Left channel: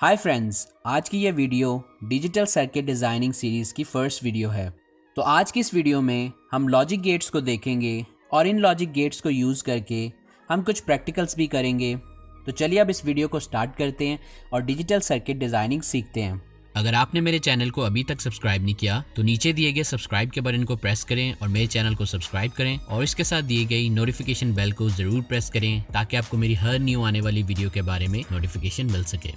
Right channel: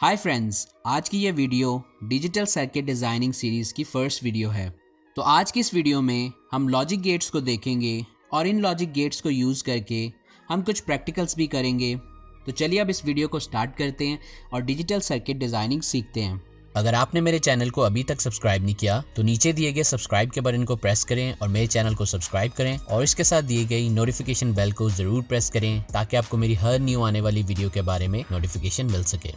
Hi friends, आज की ये video digital circuit designing series की फर्स्ट वीडियो है। तो आज की इस वीडियो में हम लॉजिक गेट्स को देखेंगे और इन लॉजिक गेट्स को यूज़ करके हम कुछ प्रैक्टिकल्स भी करेंगे। तो चलिए अब इस वीडियो को स्टार्ट करते हैं और डिजिटल सर्किट डिज़ाइनिंग सीखते हैं। अगर आपने मेरे चैनल को अभी तक सब्सक्राइब नहीं किया तो नीचे दिए गए सब्सक्राइब के बटन को प्रेस करें और मेरे चैनल को सब्सक्राइब करें और इसके साथ दिए गई नोटिफिकेशन बेल को ज़रूर प्रेस करें ताकि आपको मेरी हर न्यू आने वाली वीडियो के बारे में नोटिफिकेशन मिल सके।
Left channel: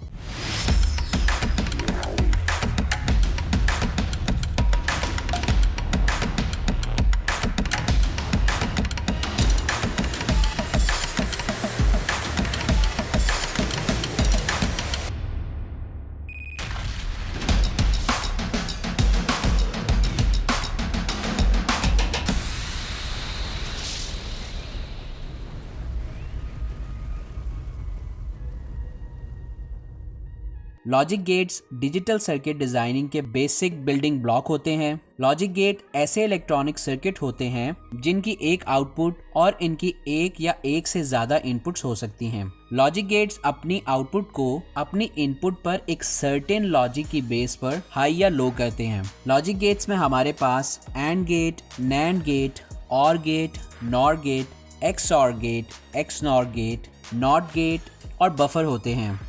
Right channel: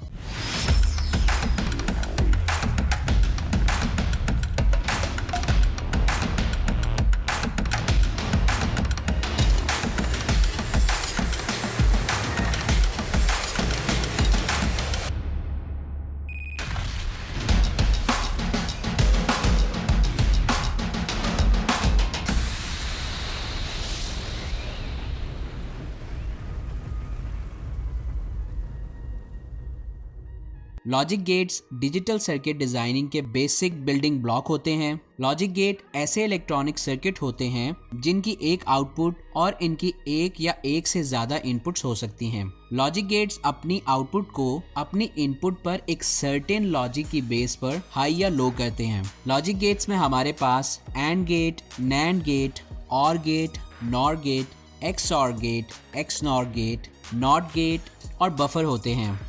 Logic gates digital circuit designing के बेसिक बिल्डिंग ब्लॉक होते हैं। लॉजिक गेट ऐसे इलेक्ट्रॉनिक सर्किट होते हैं जिनकी एक आउटपुट और इनकी एक या एक से ज़्यादा इनपुट्स हो सकती हैं। लॉजिक गेट्स अपनी आउटपुट को अपनी इनपुट पर एक सर्टेन लॉजिक की बेस पर हाई या लो करते हैं। लॉजिक गेट्स में हमारे पास AND gate, NAND gate, OR gate, NOR gate, XOR gate, XNOR gate, NOT gate और बफर होते हैं।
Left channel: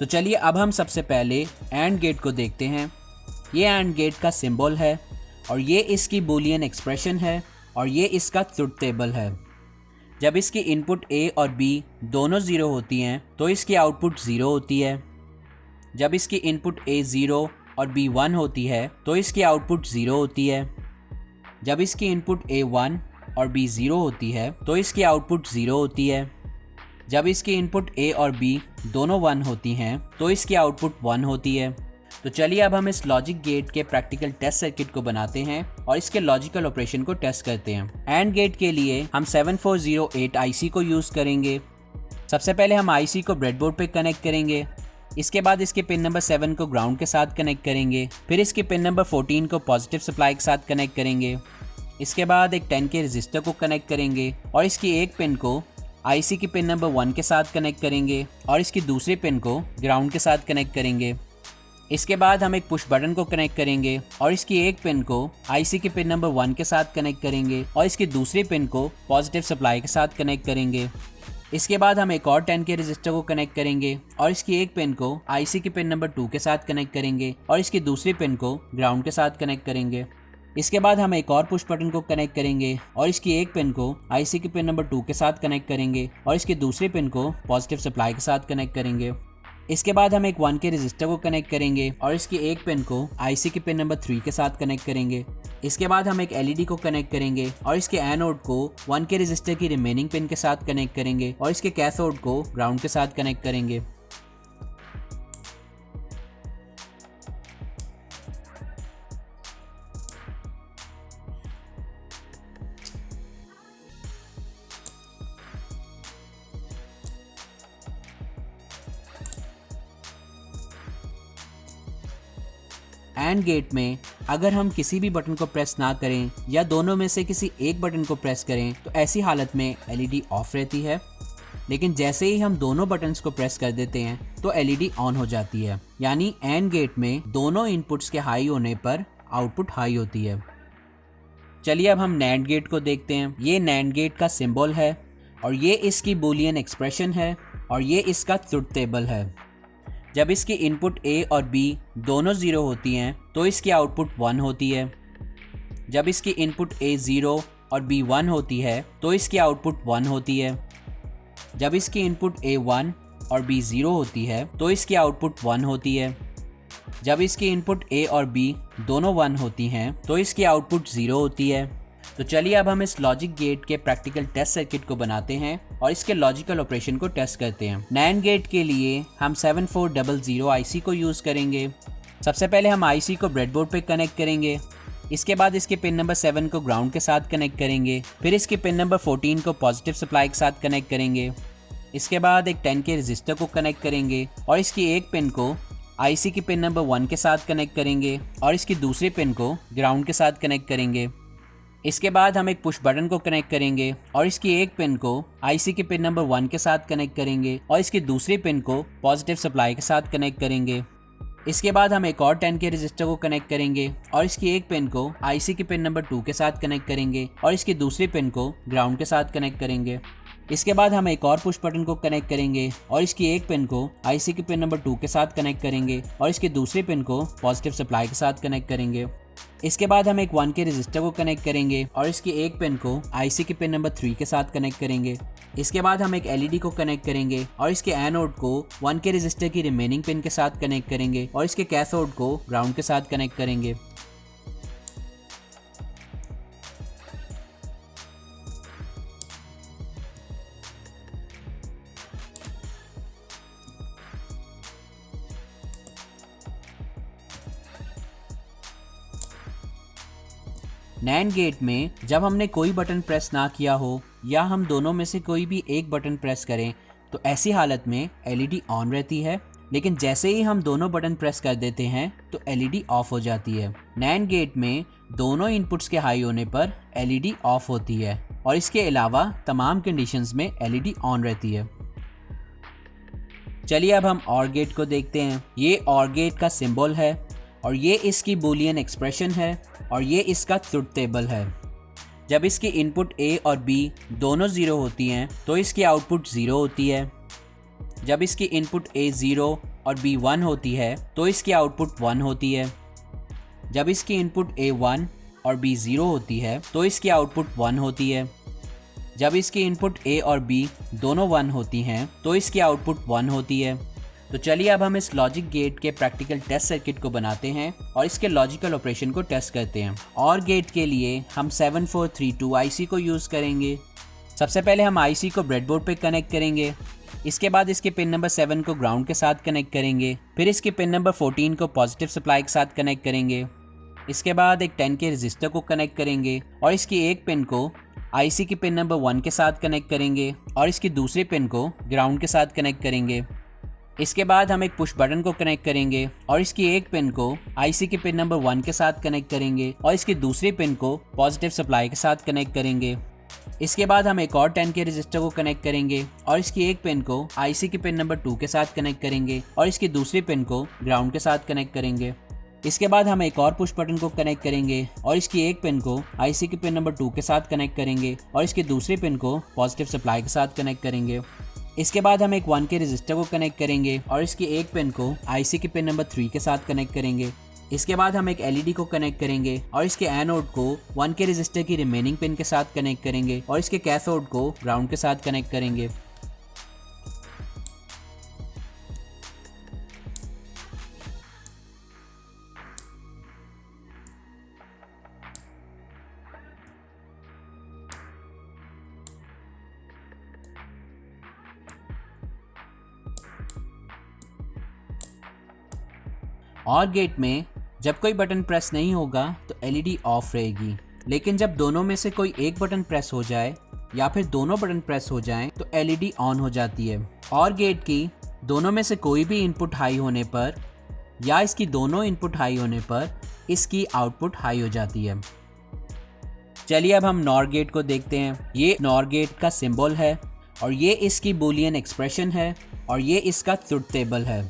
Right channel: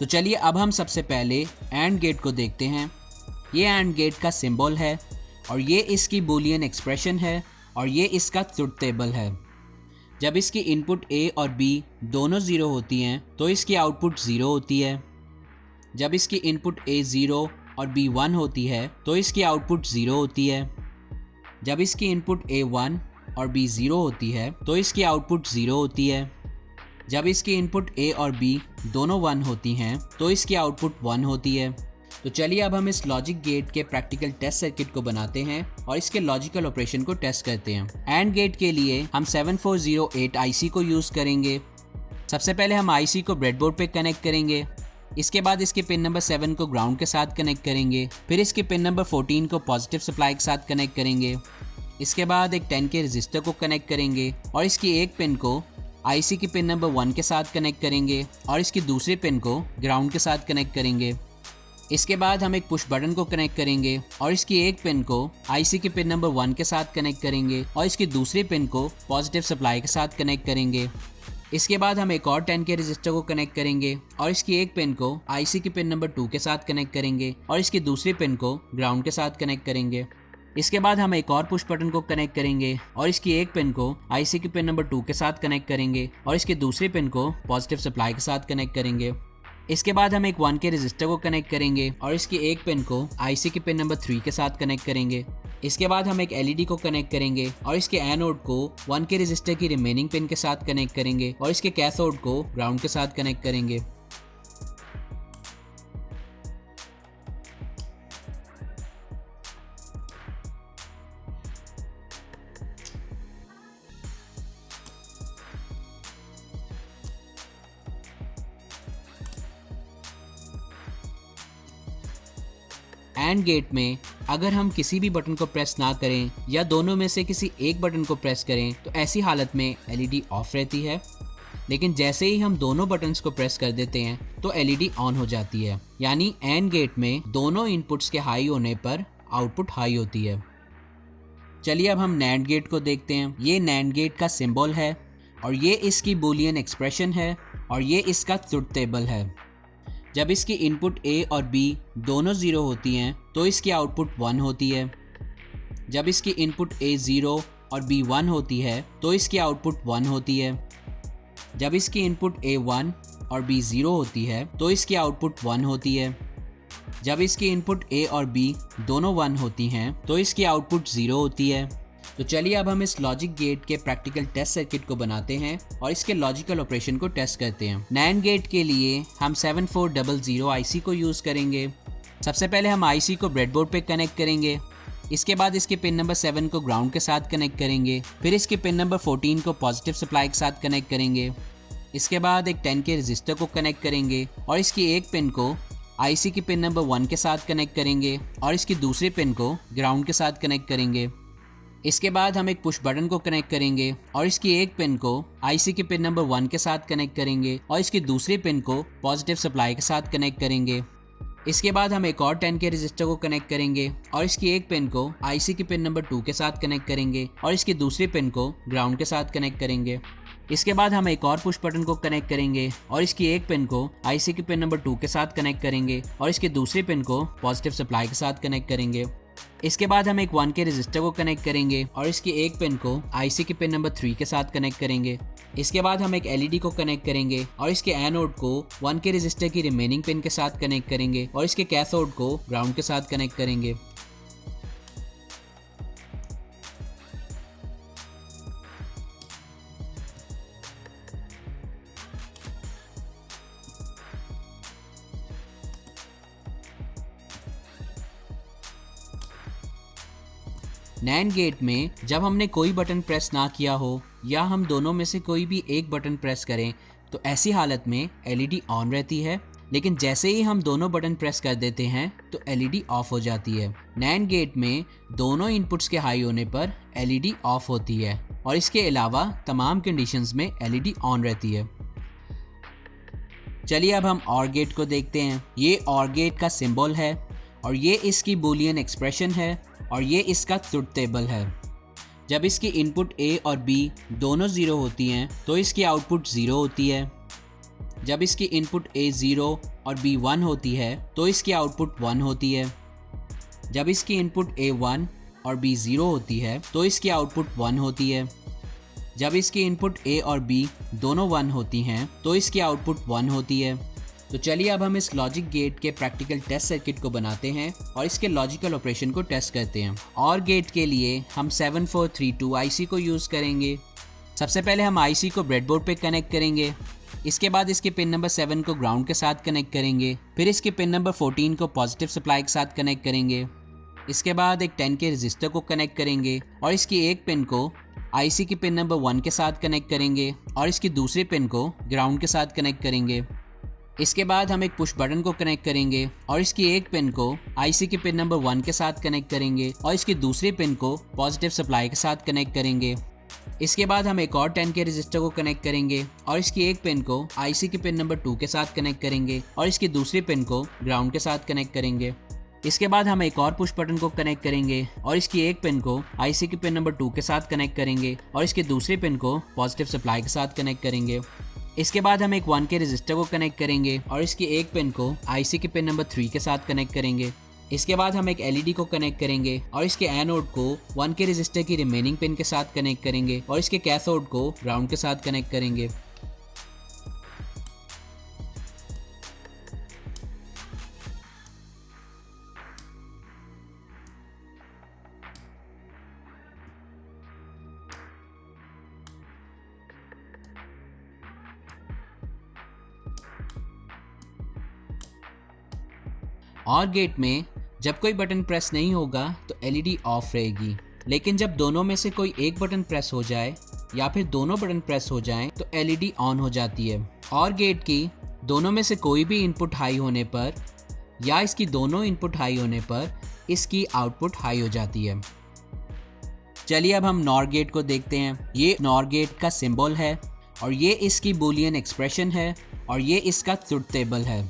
तो चलिए अब हम सबसे पहले एंड गेट को देखते हैं। ये एंड गेट का सिंबल है और ये इसकी बूलियन एक्सप्रेशन है और ये इसका ट्रुथ टेबल है। जब इसकी इनपुट ए और बी दोनों ज़ीरो होती हैं तो इसकी आउटपुट ज़ीरो होती है। जब इसकी इनपुट ए ज़ीरो और बी वन होती है तो इसकी आउटपुट ज़ीरो होती है। जब इसकी इनपुट ए वन और बी ज़ीरो होती है तो इसकी आउटपुट ज़ीरो होती है। जब इसकी इनपुट ए और बी दोनों वन होती हैं तो इसकी आउटपुट वन होती है। तो चलिए अब हम इस लॉजिक गेट के प्रैक्टिकल टेस्ट सर्किट को बनाते हैं और इसके लॉजिकल ऑपरेशन को टेस्ट करते हैं। एंड गेट के लिए हम 7408 आईसी को यूज़ करेंगे। सबसे पहले हम आईसी को ब्रेडबोर्ड पे कनेक्ट करेंगे। इसके बाद इसके पिन नंबर 7 को ग्राउंड के साथ कनेक्ट करेंगे। फिर इसके पिन नंबर 14 को पॉजिटिव सप्लाई के साथ कनेक्ट करेंगे। इसके बाद एक 10 के रजिस्टर को कनेक्ट करेंगे और इसकी एक पिन को आईसी की पिन नंबर 1 के साथ कनेक्ट करेंगे और इसकी दूसरी पिन को ग्राउंड के साथ कनेक्ट करेंगे। इसके बाद हम एक पुश बटन को कनेक्ट करेंगे और इसकी एक पिन को आईसी की पिन नंबर 1 के साथ कनेक्ट करेंगे और इसकी दूसरी पिन को पॉजिटिव सप्लाई के साथ कनेक्ट करेंगे। इसके बाद हम एक और 10 के रजिस्टर को कनेक्ट करेंगे और इसकी एक पिन को आईसी की पिन नंबर 2 के साथ कनेक्ट करेंगे और इसकी दूसरी पिन को ग्राउंड के साथ कनेक्ट करेंगे। इसके बाद हम एक और पुश बटन को कनेक्ट करेंगे और इसकी एक पिन को आईसी की पिन नंबर 2 के साथ कनेक्ट करेंगे और इसकी दूसरी पिन को पॉजिटिव सप्लाई के साथ कनेक्ट करेंगे। इसके बाद हम एक 1 के रजिस्टर को कनेक्ट करेंगे और इसकी एक पिन को आईसी की पिन नंबर 3 के साथ कनेक्ट करेंगे। इसके बाद हम एक एलईडी को कनेक्ट करेंगे और इसके एनोड को 1 के रजिस्टर की रिमेनिंग पिन के साथ कनेक्ट करेंगे और इसके कैथोड को ग्राउंड के साथ कनेक्ट करेंगे। एंड गेट में अगर हम किसी भी बटन को प्रेस ना करें या दोनों में से किसी एक बटन को प्रेस करें तो ऐसी हालत में एलईडी ऑफ रहती है, लेकिन जैसे ही हम दोनों बटन्स को प्रेस कर देते हैं तो एलईडी ऑन हो जाती है। यानी एंड गेट में दोनों इनपुट्स के हाई होने पर आउटपुट हाई होती है। चलिए अब हम नैंड गेट को देखते हैं। ये नैंड गेट का सिंबल है और ये इसकी बूलियन एक्सप्रेशन है और ये इसका ट्रुथ टेबल है। जब इसकी इनपुट ए और बी दोनों ज़ीरो होती हैं तो इसकी आउटपुट 1 होती है। जब इसकी इनपुट ए ज़ीरो और बी 1 होती है तो इसकी आउटपुट 1 होती है। जब इसकी इनपुट ए 1 और बी 0 होती है तो इसकी आउटपुट 1 होती है। जब इसकी इनपुट ए और बी दोनों 1 होती हैं तो इसकी आउटपुट 0 होती है। तो चलिए अब हम इस लॉजिक गेट के प्रैक्टिकल टेस्ट सर्किट को बनाते हैं और इसके लॉजिकल ऑपरेशन को टेस्ट करते हैं। नैंड गेट के लिए हम 7400 आईसी को यूज़ करेंगे। सबसे पहले हम आईसी को ब्रेडबोर्ड पे कनेक्ट करेंगे। इसके बाद इसके पिन नंबर 7 को ग्राउंड के साथ कनेक्ट करेंगे। फिर इसके पिन नंबर 14 को पॉजिटिव सप्लाई के साथ कनेक्ट करेंगे। इसके बाद एक 10 के रजिस्टर को कनेक्ट करेंगे और इसकी एक पिन को आईसी की पिन नंबर 1 के साथ कनेक्ट करेंगे और इसकी दूसरी पिन को ग्राउंड के साथ कनेक्ट करेंगे। इसके बाद हम एक पुश बटन को कनेक्ट करेंगे और इसकी एक पिन को आईसी के पिन नंबर 1 के साथ कनेक्ट करेंगे और इसकी दूसरी पिन को पॉजिटिव सप्लाई के साथ कनेक्ट करेंगे। इसके बाद हम एक और 10K रजिस्टर को कनेक्ट करेंगे और इसकी एक पिन को आईसी के पिन नंबर 2 के साथ कनेक्ट करेंगे और इसकी दूसरी पिन को ग्राउंड के साथ कनेक्ट करेंगे। इसके बाद हम एक और पुश बटन को कनेक्ट करेंगे और इसकी एक पिन को आईसी के पिन नंबर 2 के साथ कनेक्ट करेंगे और इसकी दूसरी पिन को पॉजिटिव सप्लाई के साथ कनेक्ट करेंगे। इसके बाद हम एक 1K रजिस्टर को कनेक्ट करेंगे और इसकी एक पिन को आईसी के पिन नंबर 3 के साथ कनेक्ट करेंगे। इसके बाद हम एक एलईडी को कनेक्ट करेंगे और इसके एनोड को 1K रजिस्टर की रिमेनिंग पिन के साथ कनेक्ट करेंगे और इसके कैथोड को ग्राउंड के साथ कनेक्ट करेंगे। नैंड गेट में जब हमने कोई बटन प्रेस ना किया हो या हम दोनों में से कोई भी एक बटन प्रेस करें तो ऐसी हालत में एलईडी ऑन रहती है, लेकिन जैसे ही हम दोनों बटन प्रेस कर देते हैं तो एलईडी ऑफ हो जाती है। नैंड गेट में दोनों इनपुट्स के हाई होने पर एलईडी ऑफ होती है और इसके अलावा तमाम कंडीशंस में एलईडी ऑन रहती है। चलिए अब हम ऑर गेट को देखते हैं। ये ऑर गेट का सिंबल है और ये इसकी बूलियन एक्सप्रेशन है और ये इसका ट्रुथ टेबल है। जब इसकी इनपुट A और B दोनों 0 होती हैं तो इसकी आउटपुट 0 होती है। जब इसकी इनपुट A 0 और B 1 होती है तो इसकी आउटपुट 1 होती है। जब इसकी इनपुट A 1 और B 0 होती है तो इसकी आउटपुट 1 होती है। जब इसकी इनपुट A और B दोनों 1 होती हैं तो इसकी आउटपुट 1 होती है। तो चलिए अब हम इस लॉजिक गेट के प्रैक्टिकल टेस्ट सर्किट को बनाते हैं और इसके लॉजिकल ऑपरेशन को टेस्ट करते हैं। और गेट के लिए हम 7432 आईसी को यूज़ करेंगे। सबसे पहले हम आईसी को ब्रेडबोर्ड पे कनेक्ट करेंगे। इसके बाद इसके पिन नंबर 7 को ग्राउंड के साथ कनेक्ट करेंगे। फिर इसके पिन नंबर 14 को पॉजिटिव सप्लाई के साथ कनेक्ट करेंगे। इसके बाद एक 10K रजिस्टर को कनेक्ट करेंगे और इसकी एक पिन को आईसी की पिन नंबर 1 के साथ कनेक्ट करेंगे और इसकी दूसरी पिन को ग्राउंड के साथ कनेक्ट करेंगे। इसके बाद हम एक पुश बटन को कनेक्ट करेंगे और इसकी एक पिन को आईसी के पिन नंबर 1 के साथ कनेक्ट करेंगे और इसकी दूसरी पिन को पॉजिटिव सप्लाई के साथ कनेक्ट करेंगे। इसके बाद हम एक और 10K रजिस्टर को कनेक्ट करेंगे और इसकी एक पिन को आईसी के पिन नंबर 2 के साथ कनेक्ट करेंगे और इसकी दूसरी पिन को ग्राउंड के साथ कनेक्ट करेंगे। इसके बाद हम एक और पुश बटन को कनेक्ट करेंगे और इसकी एक पिन को आईसी के पिन नंबर 2 के साथ कनेक्ट करेंगे और इसकी दूसरी पिन को पॉजिटिव सप्लाई के साथ कनेक्ट करेंगे। इसके बाद हम एक 1K रजिस्टर को कनेक्ट करेंगे और इसकी एक पिन को आईसी के पिन नंबर 3 के साथ कनेक्ट करेंगे। इसके बाद हम एक एलईडी को कनेक्ट करेंगे और इसके एनोड को 1K रजिस्टर की रिमेनिंग पिन के साथ कनेक्ट करेंगे और इसके कैथोड को ग्राउंड के साथ कनेक्ट करेंगे। और गेट में जब कोई बटन प्रेस नहीं होगा तो एलईडी ऑफ रहेगी, लेकिन जब दोनों में से कोई एक बटन प्रेस हो जाए या फिर दोनों बटन प्रेस हो जाएं तो एलईडी ऑन हो जाती है। और गेट की दोनों में से कोई भी इनपुट हाई होने पर या इसकी दोनों इनपुट हाई होने पर इसकी आउटपुट हाई हो जाती है। चलिए अब हम नॉर गेट को देखते हैं। ये नॉर गेट का सिंबल है और ये इसकी बूलियन एक्सप्रेशन है और ये इसका ट्रुथ टेबल है।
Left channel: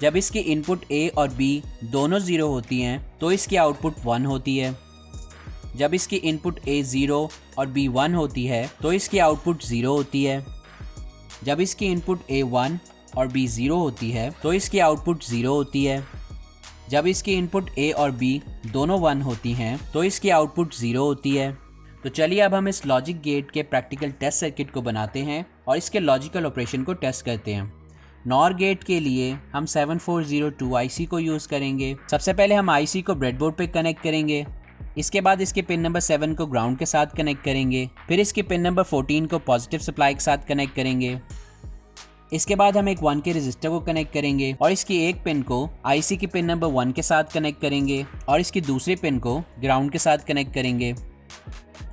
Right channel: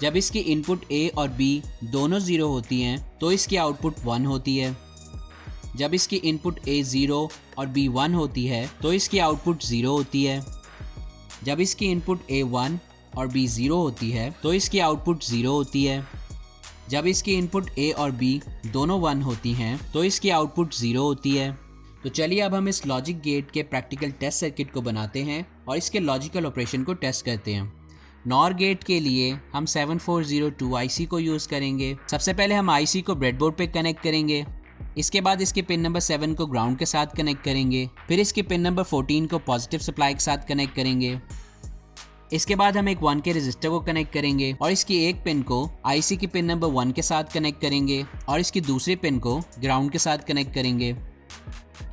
जब इसकी इनपुट A और B दोनों 0 होती हैं तो इसकी आउटपुट 1 होती है। जब इसकी इनपुट A 0 और B 1 होती है तो इसकी आउटपुट 0 होती है। जब इसकी इनपुट A 1 और B 0 होती है तो इसकी आउटपुट 0 होती है। जब इसकी इनपुट A और B दोनों 1 होती हैं तो इसकी आउटपुट 0 होती है। तो चलिए अब हम इस लॉजिक गेट के प्रैक्टिकल टेस्ट सर्किट को बनाते हैं और इसके लॉजिकल ऑपरेशन को टेस्ट करते हैं। नॉर गेट के लिए हम 7402 आईसी को यूज़ करेंगे। सबसे पहले हम आईसी को ब्रेडबोर्ड पे कनेक्ट करेंगे। इसके बाद इसके पिन नंबर 7 को ग्राउंड के साथ कनेक्ट करेंगे। फिर इसके पिन नंबर 14 को पॉजिटिव सप्लाई के साथ कनेक्ट करेंगे। इसके बाद हम एक 1K रजिस्टर को कनेक्ट करेंगे और इसकी एक पिन को आईसी की पिन नंबर 1 के साथ कनेक्ट करेंगे और इसकी दूसरी पिन को ग्राउंड के साथ कनेक्ट करेंगे।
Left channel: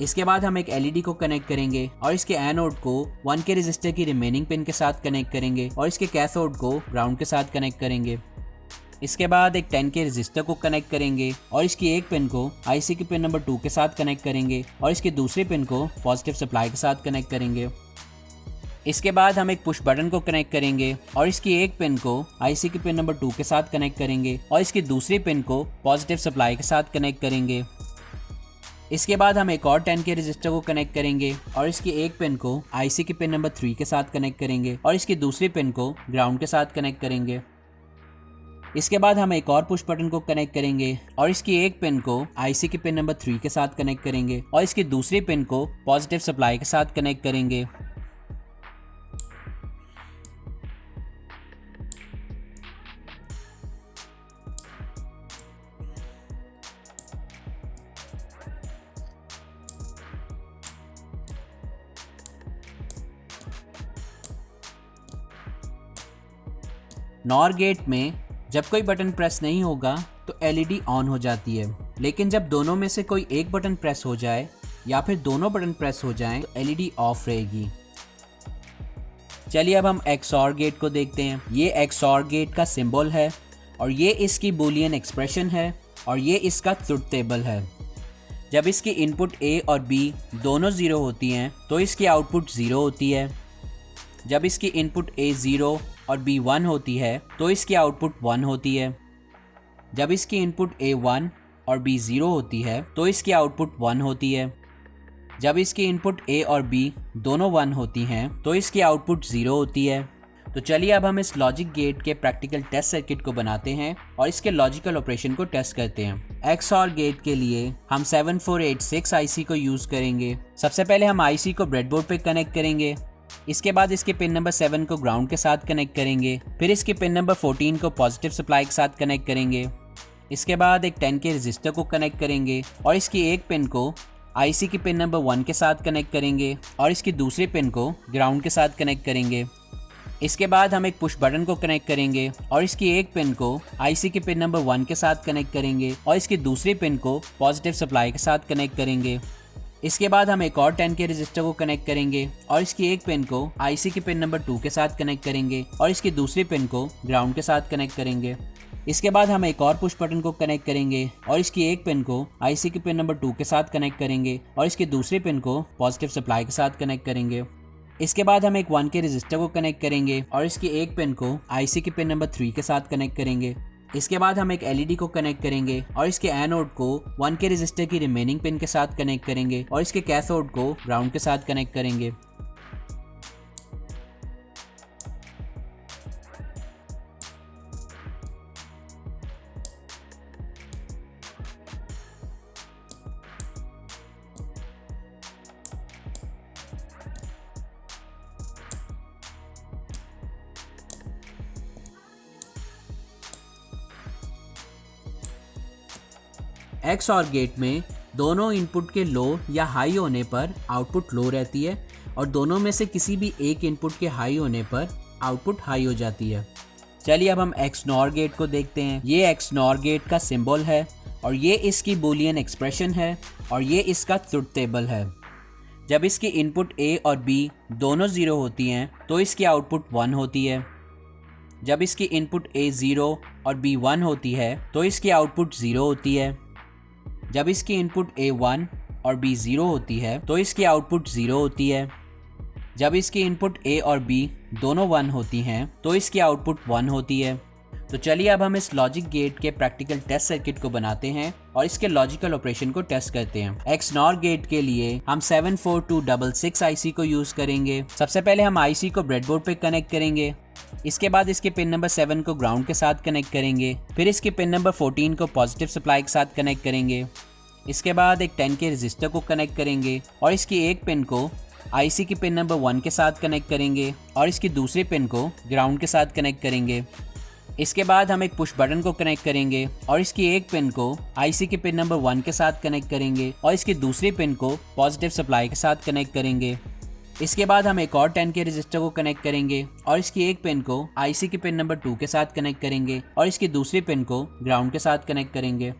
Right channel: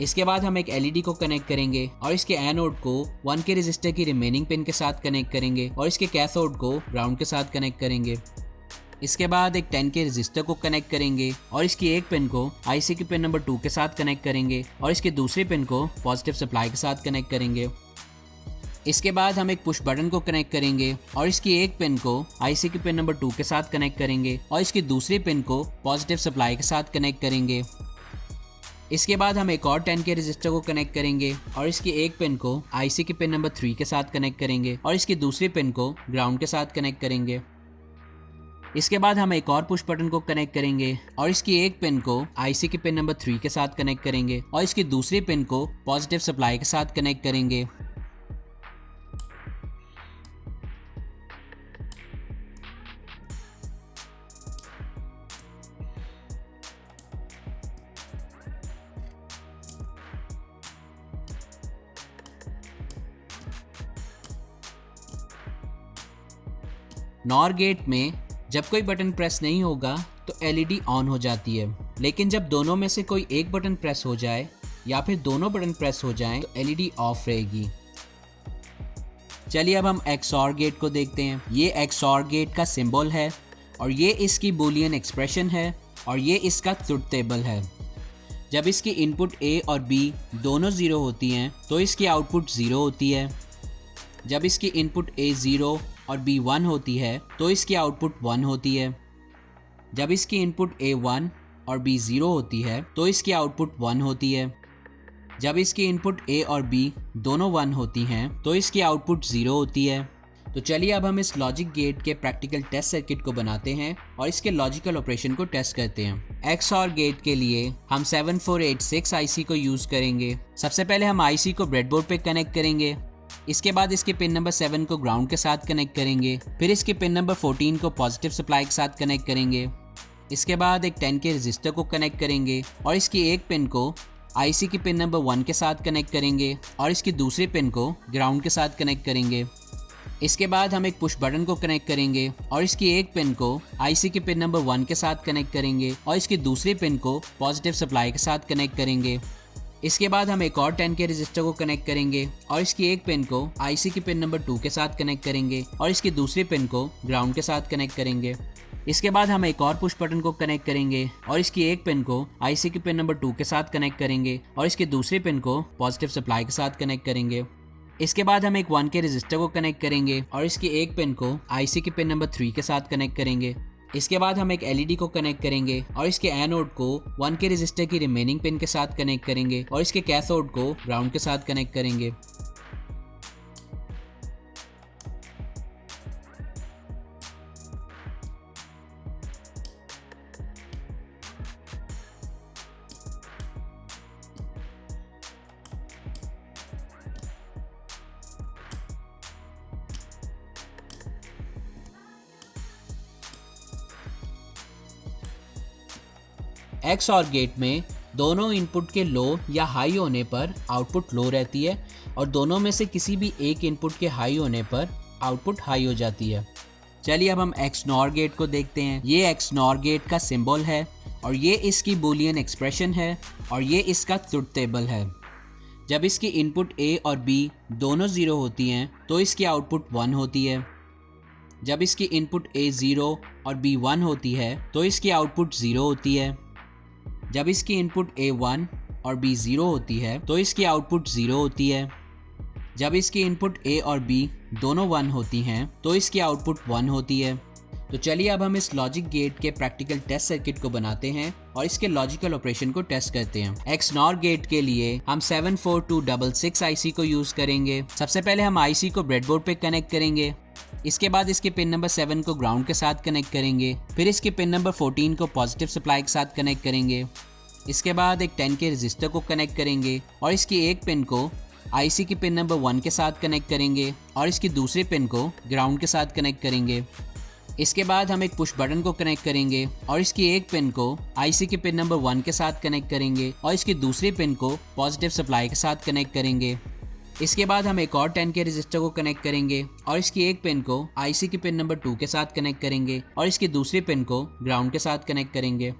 इसके बाद हम एक एलईडी को कनेक्ट करेंगे और इसके एनोड को 1K रजिस्टर की रिमेनिंग पिन के साथ कनेक्ट करेंगे और इसके कैथोड को ग्राउंड के साथ कनेक्ट करेंगे। इसके बाद एक 10 के रजिस्टर को कनेक्ट करेंगे और इसकी एक पिन को आईसी के पिन नंबर 2 के साथ कनेक्ट करेंगे और इसके दूसरे पिन को पॉजिटिव सप्लाई के साथ कनेक्ट करेंगे। इसके बाद हम एक पुश बटन को कनेक्ट करेंगे और इसकी एक पिन को आईसी के पिन नंबर 2 के साथ कनेक्ट करेंगे और इसकी दूसरी पिन को पॉजिटिव सप्लाई के साथ कनेक्ट करेंगे। इसके बाद हम एक और 10 के रजिस्टर को कनेक्ट करेंगे और इसकी एक पिन को आईसी के पिन नंबर 3 के साथ कनेक्ट करेंगे और इसकी दूसरी पिन को ग्राउंड के साथ कनेक्ट करेंगे। इसके बाद हम एक और पुश बटन को कनेक्ट करेंगे और इसकी एक पिन को आईसी के पिन नंबर 3 के साथ कनेक्ट करेंगे और इसकी दूसरी पिन को पॉजिटिव सप्लाई के साथ कनेक्ट करेंगे। नॉर गेट में जब कोई बटन प्रेस नहीं होगा तो एलईडी ऑन हो जाती है, लेकिन जब दोनों में से कोई एक बटन प्रेस हो जाए या फिर दोनों बटन प्रेस हो जाएं तो एलईडी ऑफ रहेगी। चलिए अब हम एक्सऑर गेट को देखते हैं। ये एक्सऑर गेट का सिंबल है और ये इसकी बूलियन एक्सप्रेशन है और ये इसका ट्रुथ टेबल है। जब इसकी इनपुट ए और बी दोनों 0 होती हैं तो इसकी आउटपुट 0 होती है। जब इसकी इनपुट ए 0 और बी 1 होती है तो इसकी आउटपुट 1 होती है। जब इसकी इनपुट ए 1 और बी 0 होती है तो इसकी आउटपुट 1 होती है। जब इसकी इनपुट ए और बी दोनों 1 होती हैं तो इसकी आउटपुट 0 होती है। तो चलिए अब हम इस लॉजिक गेट के प्रैक्टिकल टेस्ट सर्किट को बनाते हैं और इसके लॉजिकल ऑपरेशन को टेस्ट करते हैं। एक्सऑर गेट के लिए हम 7486 आईसी को यूज़ करेंगे। सबसे पहले हम आईसी को ब्रेडबोर्ड पे कनेक्ट करेंगे। इसके बाद इसके पिन नंबर 7 को ग्राउंड के साथ कनेक्ट करेंगे। फिर इसके पिन नंबर 14 को पॉजिटिव सप्लाई के साथ कनेक्ट करेंगे। इसके बाद एक 10 के रजिस्टर को कनेक्ट करेंगे और इसकी एक पिन को आईसी की पिन नंबर 1 के साथ कनेक्ट करेंगे और इसकी दूसरी पिन को ग्राउंड के साथ कनेक्ट करेंगे। इसके बाद हम एक पुश बटन को कनेक्ट करेंगे और इसकी एक पिन को आईसी के पिन नंबर 1 के साथ कनेक्ट करेंगे और इसकी दूसरी पिन को पॉजिटिव सप्लाई के साथ कनेक्ट करेंगे। इसके बाद हम एक और 10 के रजिस्टर को कनेक्ट करेंगे और इसकी एक पिन को आईसी के पिन नंबर 2 के साथ कनेक्ट करेंगे और इसकी दूसरी पिन को ग्राउंड के साथ कनेक्ट करेंगे। इसके बाद हम एक और पुश बटन को कनेक्ट करेंगे और इसकी एक पिन को आईसी के पिन नंबर 2 के साथ कनेक्ट करेंगे और इसकी दूसरी पिन को पॉजिटिव सप्लाई के साथ कनेक्ट करेंगे। इसके बाद हम एक 1 के रजिस्टर को कनेक्ट करेंगे और इसकी एक पिन को आईसी के पिन नंबर 3 के साथ कनेक्ट करेंगे। इसके बाद हम एक एलईडी को कनेक्ट करेंगे और इसके एनोड को 1 के रजिस्टर की रिमेनिंग पिन के साथ कनेक्ट करेंगे और इसके कैथोड को ग्राउंड के साथ कनेक्ट करेंगे। एक्सऑर गेट में दोनों इनपुट के लो या हाई होने पर आउटपुट लो रहती है और दोनों में से किसी भी एक इनपुट के हाई होने पर आउटपुट हाई हो जाती है। चलिए अब हम एक्सनॉर गेट को देखते हैं। ये एक्सनॉर गेट का सिंबल है और ये इसकी बूलियन एक्सप्रेशन है और ये इसका ट्रुथ टेबल है। जब इसकी इनपुट ए और बी दोनों 0 होती हैं तो इसकी आउटपुट 1 होती है। जब इसकी इनपुट ए 0 और बी 1 होती है तो इसकी आउटपुट 0 होती है। जब इसकी इनपुट ए 1 और बी 0 होती है तो इसकी आउटपुट 0 होती है। जब इसकी इनपुट ए और बी दोनों 1 होती हैं तो इसकी आउटपुट 1 होती है। तो चलिए अब हम इस लॉजिक गेट के प्रैक्टिकल टेस्ट सर्किट को बनाते हैं और इसके लॉजिकल ऑपरेशन को टेस्ट करते हैं। एक्सनॉर गेट के लिए हम 74266 आईसी को यूज़ करेंगे। सबसे पहले हम आईसी को ब्रेडबोर्ड पे कनेक्ट करेंगे। इसके बाद इसके पिन नंबर 7 को ग्राउंड के साथ कनेक्ट करेंगे। फिर इसके पिन नंबर 14 को पॉजिटिव सप्लाई के साथ कनेक्ट करेंगे। इसके बाद एक 10 के रजिस्टर को कनेक्ट करेंगे और इसकी एक पिन को आईसी की पिन नंबर 1 के साथ कनेक्ट करेंगे और इसकी दूसरी पिन को ग्राउंड के साथ कनेक्ट करेंगे। इसके बाद हम एक पुश बटन को कनेक्ट करेंगे और इसकी एक पिन को आईसी के पिन नंबर 1 के साथ कनेक्ट करेंगे और इसकी दूसरी पिन को पॉजिटिव सप्लाई के साथ कनेक्ट करेंगे। इसके बाद हम एक और 10 के रजिस्टर को कनेक्ट करेंगे और इसकी एक पिन को आईसी के पिन नंबर 2 के साथ कनेक्ट करेंगे और इसकी दूसरी पिन को ग्राउंड के साथ कनेक्ट करेंगे।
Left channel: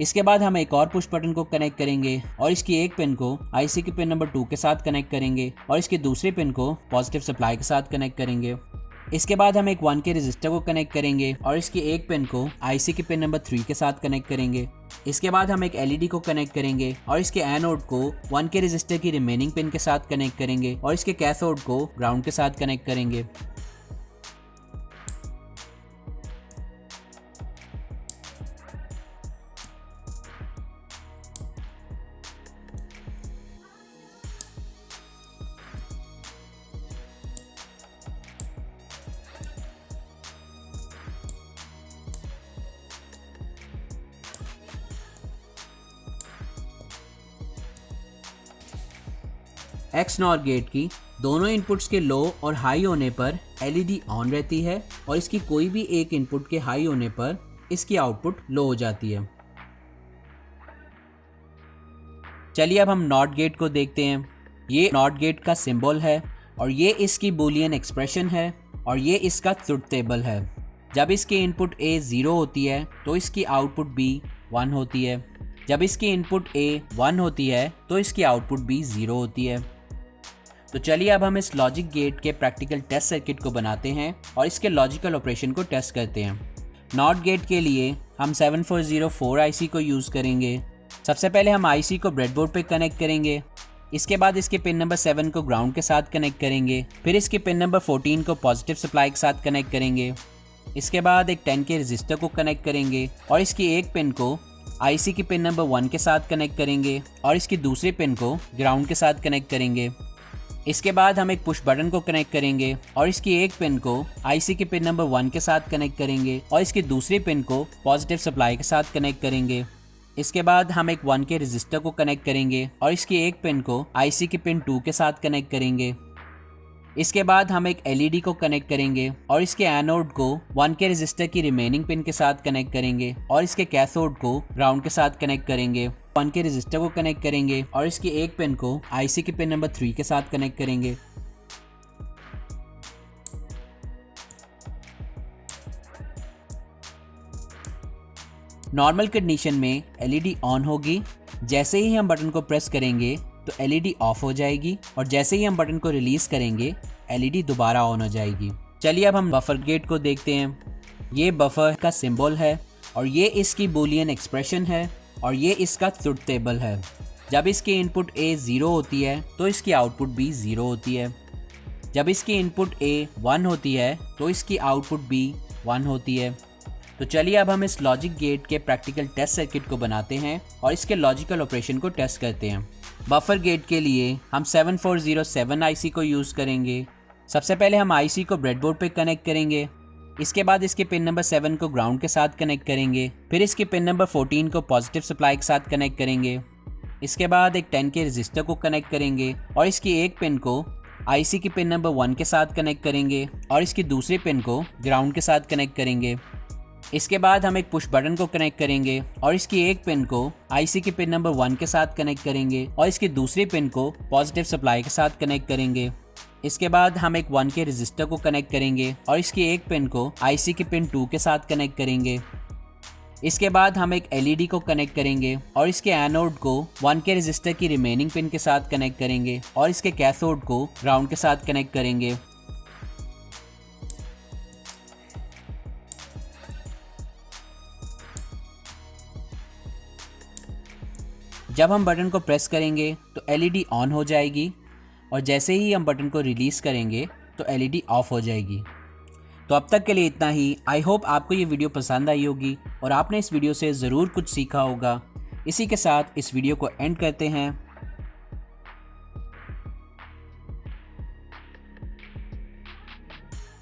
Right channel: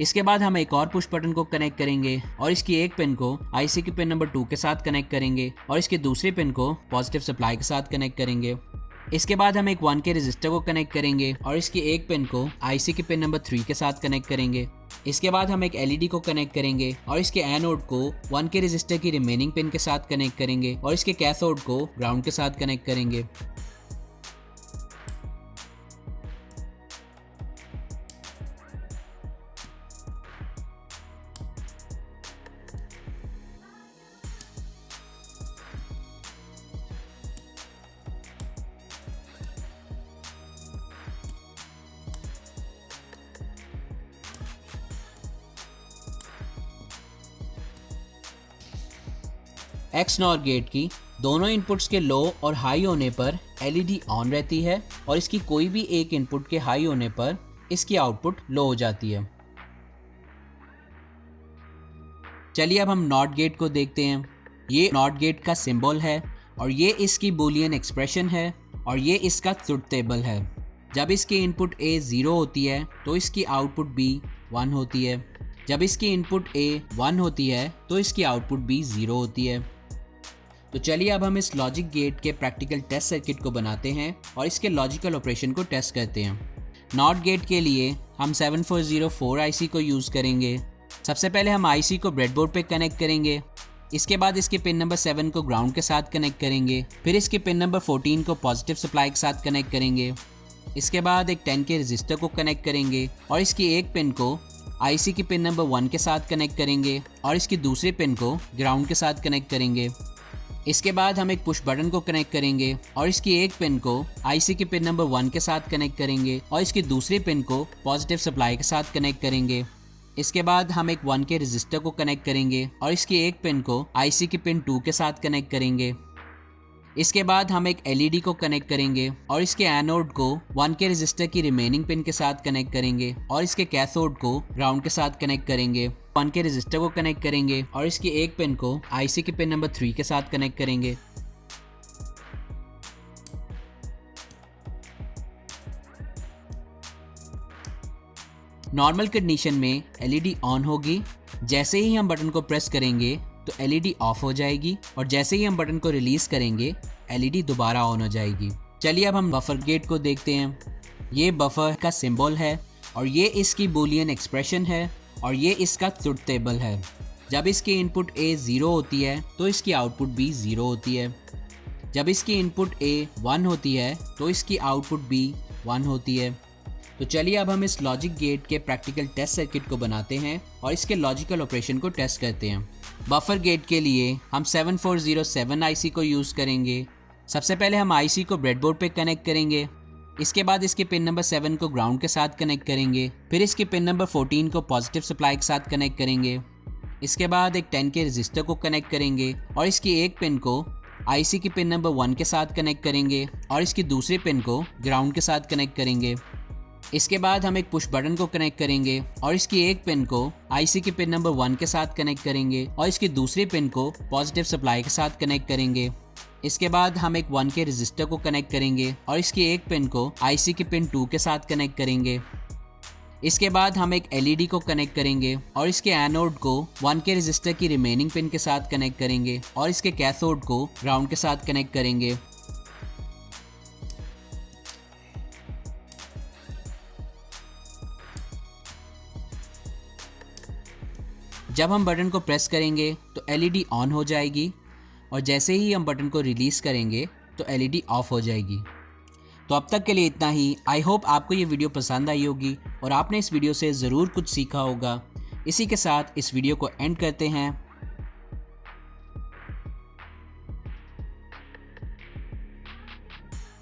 इसके बाद हम एक और पुश बटन को कनेक्ट करेंगे और इसकी एक पिन को आईसी के पिन नंबर 2 के साथ कनेक्ट करेंगे और इसकी दूसरी पिन को पॉजिटिव सप्लाई के साथ कनेक्ट करेंगे। इसके बाद हम एक 1K रजिस्टर को कनेक्ट करेंगे और इसकी एक पिन को आईसी के पिन नंबर 3 के साथ कनेक्ट करेंगे। इसके बाद हम एक एलईडी को कनेक्ट करेंगे और इसके एनोड को 1K रजिस्टर की रिमेनिंग पिन के साथ कनेक्ट करेंगे और इसके कैथोड को ग्राउंड के साथ कनेक्ट करेंगे। XNOR गेट की दोनों इनपुट्स के लो और हाई होने पर एलईडी ऑन रहती है और इसकी कोई भी एक इनपुट के हाई होने पर इसकी आउटपुट लो हो जाती है। चलिए अब हम नॉट गेट को देखते हैं। ये नॉट गेट का सिंबल है और ये इसकी बूलियन एक्सप्रेशन है और ये इसका ट्रुथ टेबल है। जब इसकी इनपुट A 0 होती है तो इसकी आउटपुट B 1 होती है। जब इसकी इनपुट A 1 होती है तो इसकी आउटपुट B 0 होती है। तो चलिए अब हम इस लॉजिक गेट के प्रैक्टिकल टेस्ट सर्किट को बनाते हैं और इसके लॉजिकल ऑपरेशन को टेस्ट करते हैं। नॉट गेट के लिए हम 7404 आईसी को यूज़ करेंगे। सबसे पहले हम आईसी को ब्रेडबोर्ड पे कनेक्ट करेंगे। इसके बाद इसके पिन नंबर 7 को ग्राउंड के साथ कनेक्ट करेंगे। फिर इसके पिन नंबर 14 को पॉजिटिव सप्लाई के साथ कनेक्ट करेंगे। इसके बाद एक 10K रजिस्टर को कनेक्ट करेंगे और इसकी एक पिन को आईसी की पिन नंबर 1 के साथ कनेक्ट करेंगे और इसकी दूसरी पिन को ग्राउंड के साथ कनेक्ट करेंगे। इसके बाद हम एक पुश बटन को कनेक्ट करेंगे और इसकी एक पिन को आईसी के पिन नंबर 1 के साथ कनेक्ट करेंगे और इसकी दूसरी पिन को पॉजिटिव सप्लाई के साथ कनेक्ट करेंगे। इसके बाद हम एक 1K रजिस्टर को कनेक्ट करेंगे और इसकी एक पिन को आईसी की पिन 2 के साथ कनेक्ट करेंगे। इसके बाद हम एक एलईडी को कनेक्ट करेंगे और इसके एनोड को 1K रजिस्टर की रिमेनिंग पिन के साथ कनेक्ट करेंगे और इसके कैथोड को ग्राउंड के साथ कनेक्ट करेंगे। 1K रजिस्टर को कनेक्ट करेंगे और इसकी एक पिन को आईसी के पिन नंबर 3 के साथ कनेक्ट करेंगे। नॉर्मल कंडीशन में एलईडी ऑन होगी। जैसे ही हम बटन को प्रेस करेंगे तो एलईडी ऑफ हो जाएगी और जैसे ही हम बटन को रिलीज करेंगे एलईडी दोबारा ऑन हो जाएगी। चलिए अब हम बफर गेट को देखते हैं। ये बफर का सिंबल है और ये इसकी बूलियन एक्सप्रेशन है और ये इसका ट्रुथ टेबल है। जब इसकी इनपुट A 0 होती है तो इसकी आउटपुट B 0 होती है। जब इसकी इनपुट A 1 होती है तो इसकी आउटपुट B 1 होती है। तो चलिए अब हम इस लॉजिक गेट के प्रैक्टिकल टेस्ट सर्किट को बनाते हैं और इसके लॉजिकल ऑपरेशन को टेस्ट करते हैं। बफर गेट के लिए हम 7407 आईसी को यूज़ करेंगे। सबसे पहले हम आईसी को ब्रेडबोर्ड पे कनेक्ट करेंगे। इसके बाद इसके पिन नंबर 7 को ग्राउंड के साथ कनेक्ट करेंगे। फिर इसके पिन नंबर 14 को पॉजिटिव सप्लाई के साथ कनेक्ट करेंगे। इसके बाद एक 10K रजिस्टर को कनेक्ट करेंगे और इसकी एक पिन को आईसी की पिन नंबर 1 के साथ कनेक्ट करेंगे और इसकी दूसरी पिन को ग्राउंड के साथ कनेक्ट करेंगे। इसके बाद हम एक पुश बटन को कनेक्ट करेंगे और इसकी एक पिन को आईसी की पिन नंबर 1 के साथ कनेक्ट करेंगे और इसकी दूसरी पिन को पॉजिटिव सप्लाई के साथ कनेक्ट करेंगे। इसके बाद हम एक 1K रजिस्टर को कनेक्ट करेंगे और इसकी एक पिन को आईसी की पिन 2 के साथ कनेक्ट करेंगे। इसके बाद हम एक एलईडी को कनेक्ट करेंगे और इसके एनोड को 1K रजिस्टर की रिमेनिंग पिन के साथ कनेक्ट करेंगे और इसके कैथोड को ग्राउंड के साथ कनेक्ट करेंगे। जब हम बटन को प्रेस करेंगे तो एलईडी ऑन हो जाएगी और जैसे ही हम बटन को रिलीज़ करेंगे तो एलईडी ऑफ हो जाएगी। तो अब तक के लिए इतना ही। आई होप आपको ये वीडियो पसंद आई होगी और आपने इस वीडियो से ज़रूर कुछ सीखा होगा। इसी के साथ इस वीडियो को एंड करते हैं।